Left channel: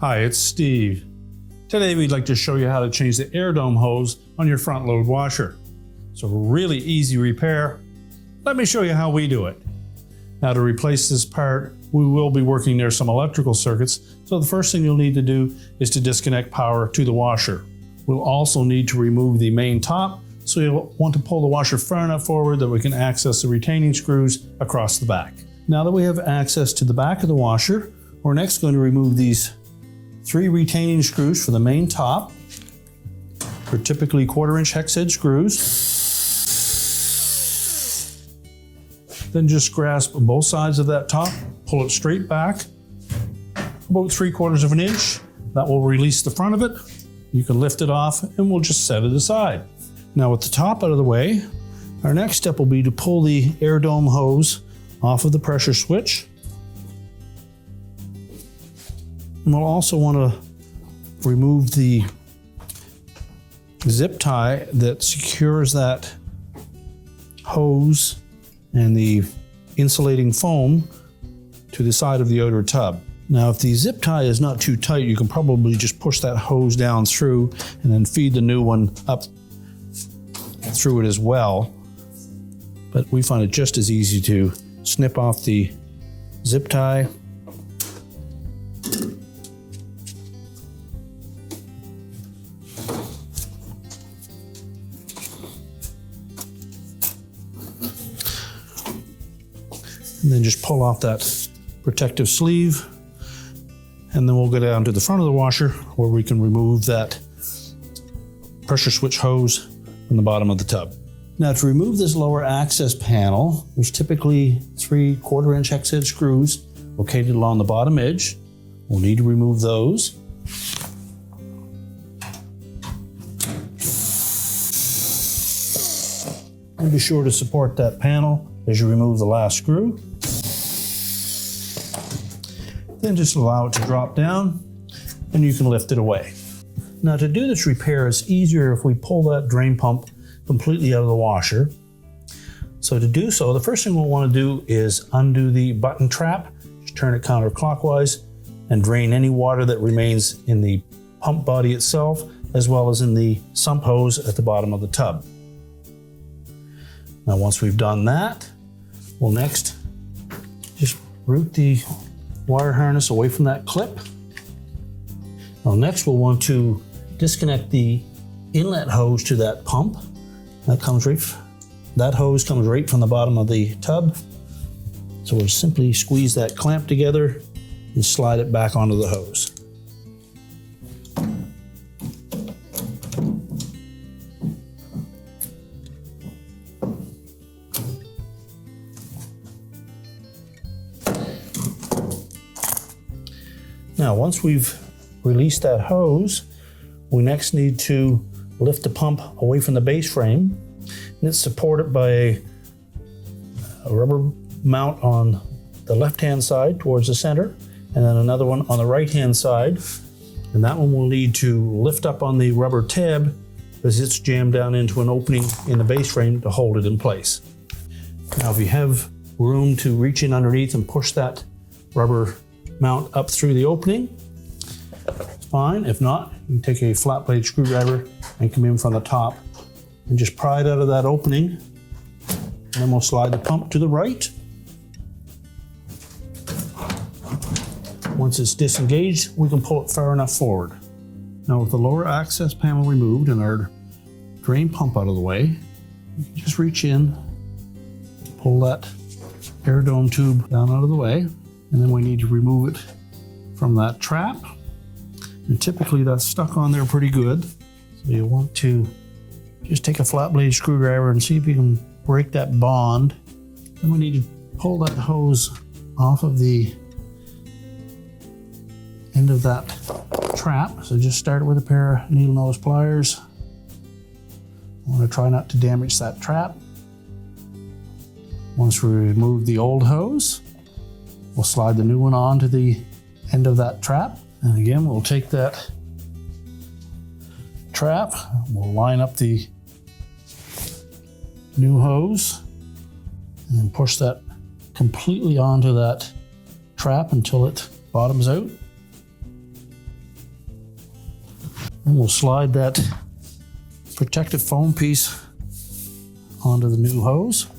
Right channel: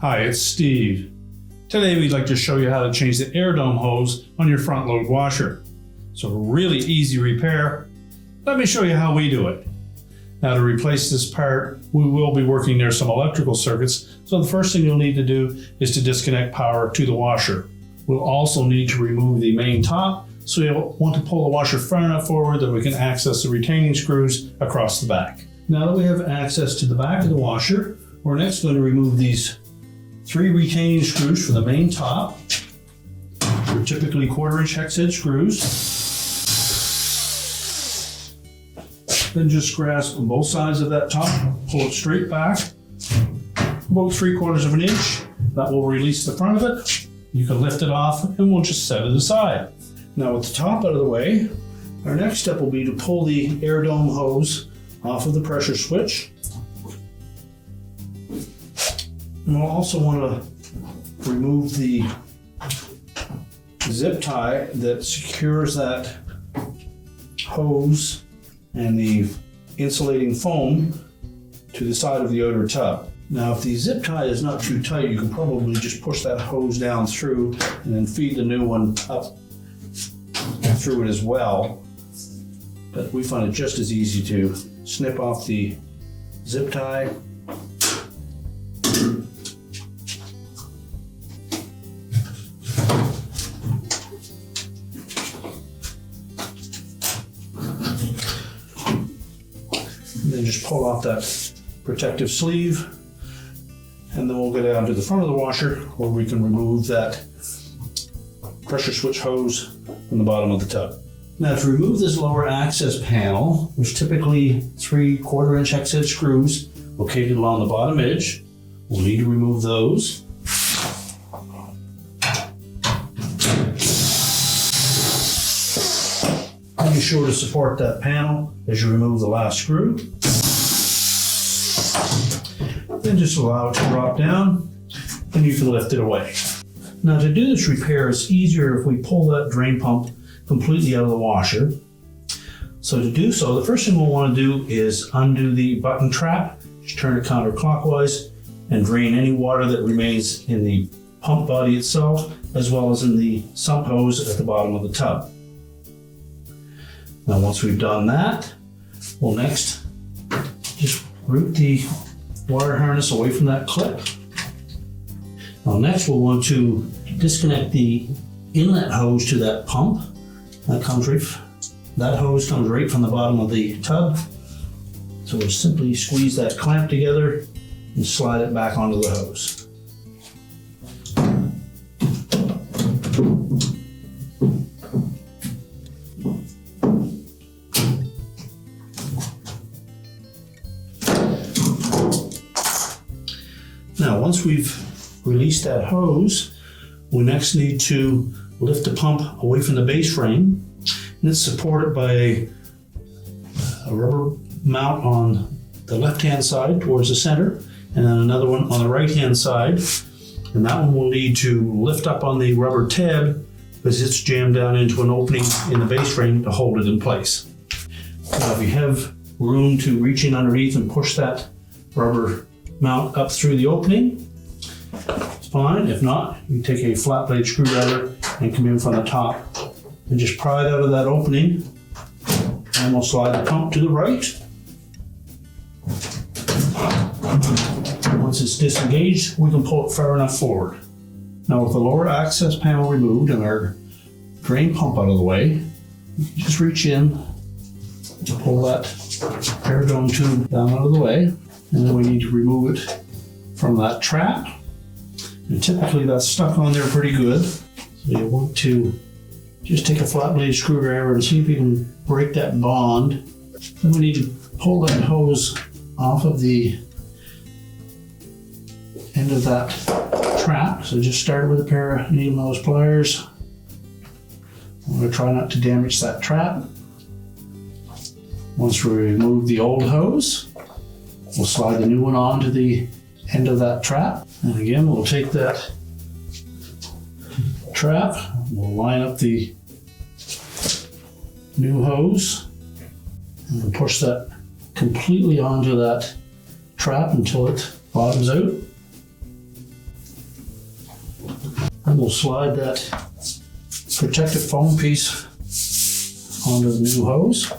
Hi, it's Steve. Today we'd like to show you how to change the air dome hose on your front load washer. It's a really easy repair. Let me show you how we do it. Now, to replace this part, we will be working near some electrical circuits, so the first thing you'll need to do is to disconnect power to the washer. We'll also need to remove the main top, so you'll want to pull the washer far enough forward that we can access the retaining screws across the back. Now that we have access to the back of the washer, we're next going to remove these 3 retaining screws for the main top. They're typically 1/4-inch hex head screws. Then just grasp both sides of that top, pull it straight back, about 3/4 of an inch. That will release the front of it. You can lift it off and we'll just set it aside. Now with the top out of the way, our next step will be to pull the air dome hose off of the pressure switch. And we'll also want to remove the zip tie that secures that hose and the insulating foam to the side of the outer tub. Now, if the zip tie is not too tight, you can probably just push that hose down through and then feed the new one up and through it as well. But we find it just as easy to snip off the zip tie. And then just pull off that protective sleeve, and then we'll go down to the front of the washer where we can remove that pressure switch hose from the bottom of the tub. Now, to remove this lower access panel, there's typically 3 1/4-inch hex head screws located along the bottom edge. We'll need to remove those. And be sure to support that panel as you remove the last screw. Then just allow it to drop down and you can lift it away. Now, to do this repair, it's easier if we pull that drain pump completely out of the washer. So to do so, the first thing we'll want to do is undo the button trap. Just turn it counterclockwise and drain any water that remains in the pump body itself, as well as in the sump hose at the bottom of the tub. Now, once we've done that, we'll next just root the wire harness away from that clip. Now, next we'll want to disconnect the inlet hose to that pump. That hose comes right from the bottom of the tub. So we'll simply squeeze that clamp together and slide it back onto the hose. Now, once we've released that hose, we next need to lift the pump away from the base frame. And it's supported by a rubber mount on the left-hand side towards the center, and then another one on the right-hand side. And that one will need to lift up on the rubber tab because it's jammed down into an opening in the base frame to hold it in place. Now, if you have room to reach in underneath and push that rubber mount up through the opening, it's fine. If not, you take a flat blade screwdriver and come in from the top and just pry it out of that opening, and we'll slide the pump to the right. Once it's disengaged, we can pull it far enough forward. Now, with the lower access panel removed and our drain pump out of the way, you can just reach in, pull that air dome tube down out of the way, and then we need to remove it from that trap. And typically that's stuck on there pretty good. So you want to just take a flat blade screwdriver and see if you can break that bond. Then we need to pull that hose off of the end of that trap. So just start with a pair of needle nose pliers. I'm going to try not to damage that trap. Once we remove the old hose, we'll slide the new one onto the end of that trap. And again, we'll take that trap, we'll line up the new hose, And then push that completely onto that trap until it bottoms out. And we'll slide that protective foam piece onto the new hose.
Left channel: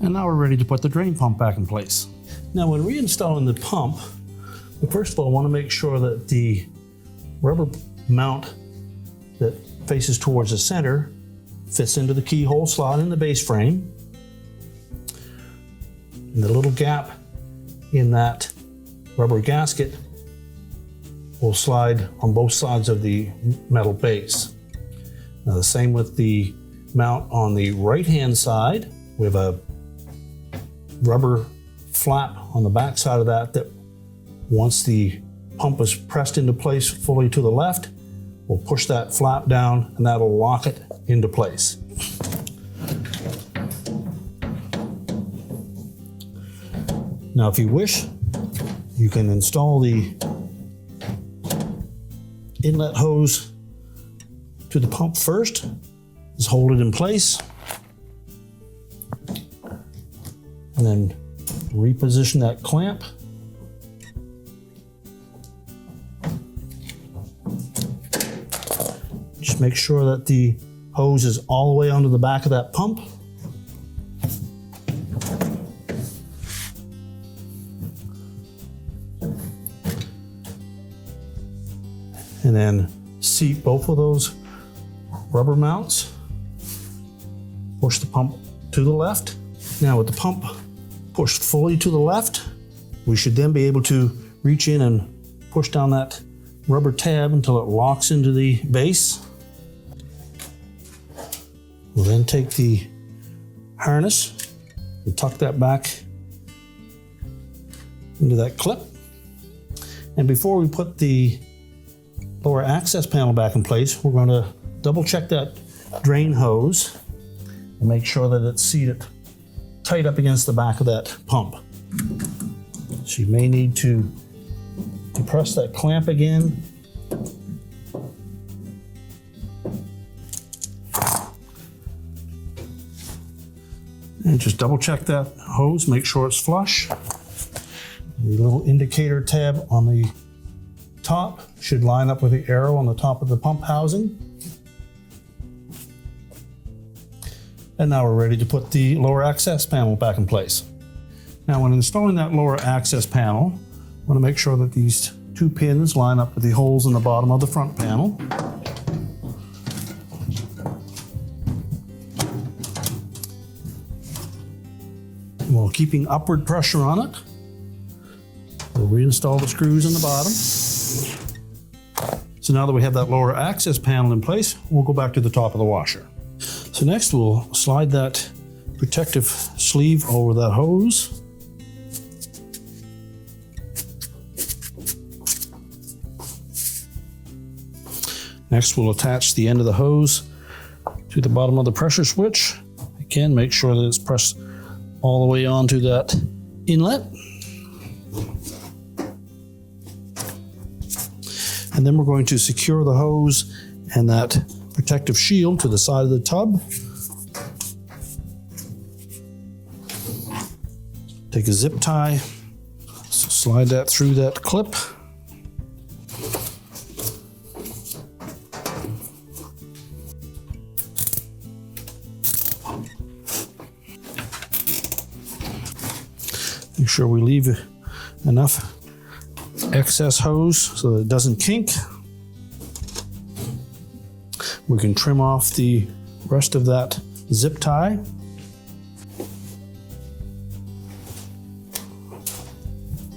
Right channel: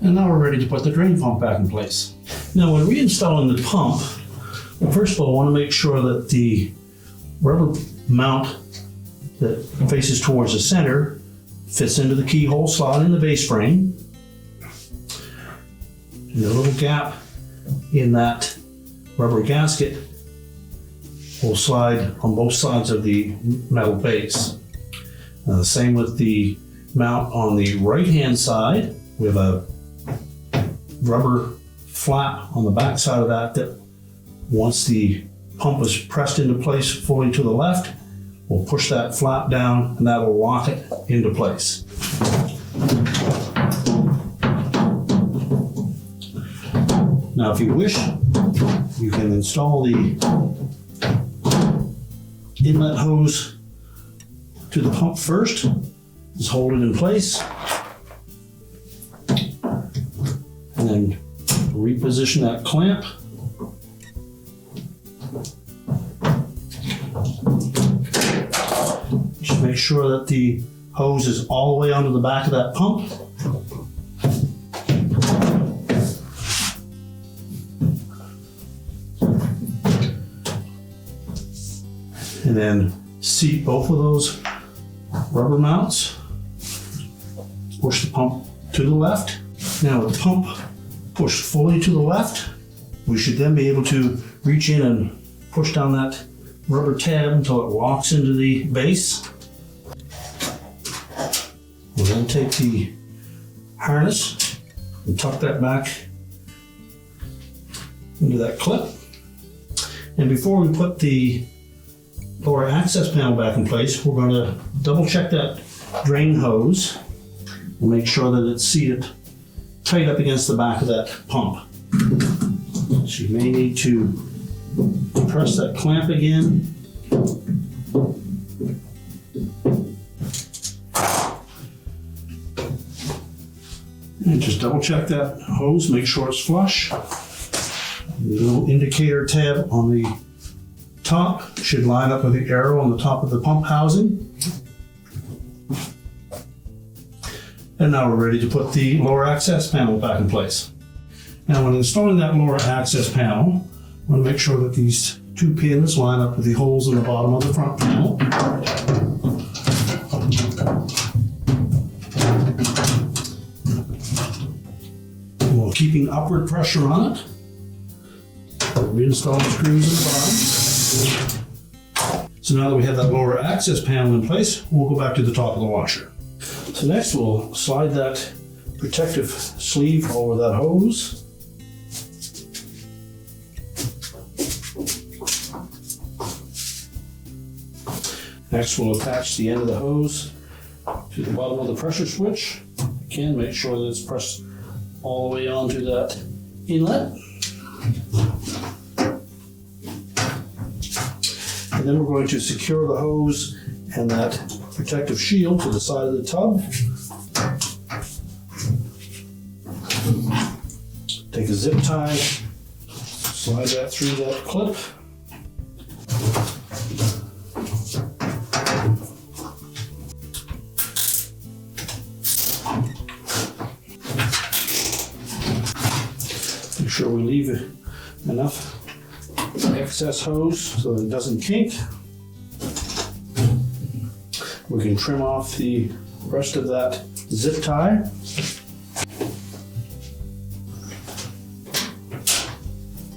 And now we're ready to put the drain pump back in place. Now when reinstalling the pump, first of all, I want to make sure that the rubber mount that faces towards the center fits into the keyhole slot in the base frame. And the little gap in that rubber gasket will slide on both sides of the metal base. Now the same with the mount on the right hand side. We have a rubber flap on the back side of that once the pump is pressed into place fully to the left, we'll push that flap down and that will lock it into place. Now if you wish, you can install the inlet hose to the pump first. Just hold it in place and then reposition that clamp. Just make sure that the hose is all the way onto the back of that pump. And then seat both of those rubber mounts. Push the pump to the left. Now with the pump pushed fully to the left, we should then be able to reach in and push down that rubber tab until it locks into the base. We'll then take the harness and tuck that back into that clip. And before we put the lower access panel back in place, we're going to double check that drain hose and make sure that it's seated tight up against the back of that pump. So you may need to press that clamp again. And just double check that hose, make sure it's flush. The little indicator tab on the top should line up with the arrow on the top of the pump housing. And now we're ready to put the lower access panel back in place. Now when installing that lower access panel, I want to make sure that these two pins line up with the holes in the bottom of the front panel. And while keeping upward pressure on it, we'll reinstall the screws in the bottom. So now that we have that lower access panel in place, we'll go back to the top of the washer. So next we'll slide that protective sleeve over that hose. Next we'll attach the end of the hose to the bottom of the pressure switch. Again, make sure that it's pressed all the way onto that inlet. And then we're going to secure the hose and that protective shield to the side of the tub. Take a zip tie, slide that through that clip. Make sure we leave enough excess hose so that it doesn't kink. We can trim off the rest of that zip tie.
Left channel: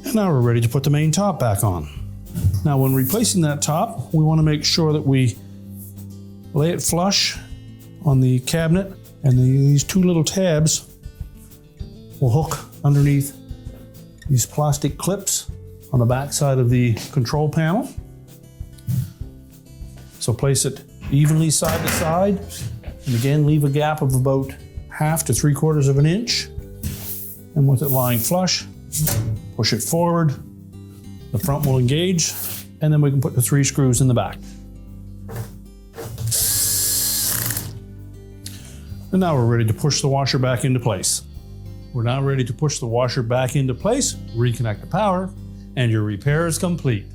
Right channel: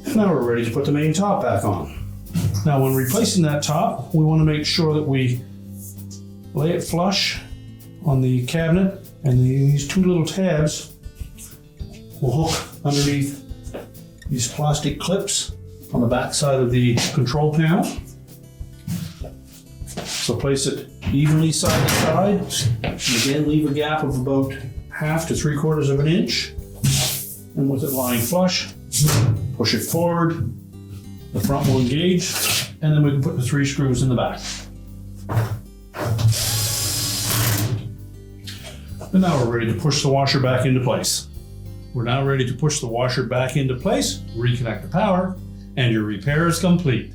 And now we're ready to put the main top back on. Now when replacing that top, we want to make sure that we lay it flush on the cabinet, and these two little tabs will hook underneath these plastic clips on the back side of the control panel. So place it evenly side to side. And again, leave a gap of about 1/2 to 3/4 of an inch. And with it lying flush, push it forward. The front will engage, and then we can put the 3 screws in the back. And now we're ready to push the washer back into place. We're now ready to push the washer back into place, reconnect the power, and your repair is complete.